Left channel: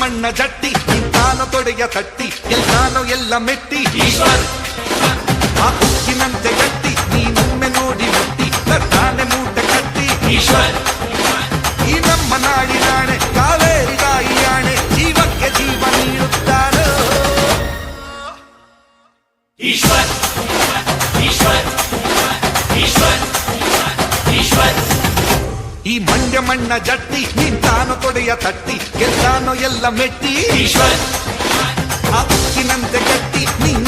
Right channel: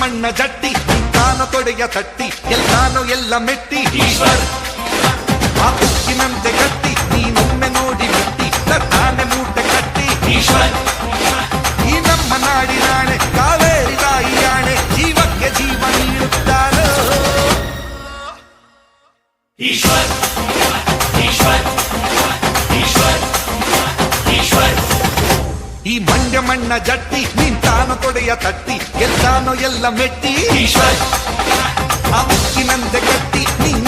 ಮಣ್ಣ ಜಟ್ಟಿ ನಿಂತಾನೋ ತೊಡೆಯ ತಟ್ಟಿ ಗೆಲ್ತಾನೋ ಎಲ್ಲ ಮೆಟ್ಟಿ ಈಶ್ವರ್ ಆ ಉಕ್ಕಿನಂತೆ ಗಟ್ಟಿ ನೀನೊಮ್ಮೆ ನೋಡಿ ಮುಟ್ಟಿ ತರ್ತಾನೆ ಮೂಟೆ ಕಟ್ಟಿ ಈಶ್ವರ್ ಈ ನಮ್ಮ ನಾಡಿನಾಣೆ ಕಾವೇರಿ ತಾಯಿಯಾಣೆ ಜೀವಕ್ಕೆ ಜೀವ ನೀಡುತ್ತಾನೋ ಈಶ್ವರ್ ಈಶ್ವರ್ ಈಶ್ವರ್ ಈಶ್ವರ್ ಈ ಮಂಡ್ಯ ಮಣ್ಣ ಜಟ್ಟಿ ನಿಂತಾನೋ ತೊಡೆಯ ತಟ್ಟಿ ಗೆಲ್ತಾನೋ ಎಲ್ಲ ಮೆಟ್ಟಿ ಈಶ್ವರ್ ಆ ಉಕ್ಕಿನಂತೆ ಗಟ್ಟಿ ನೀನು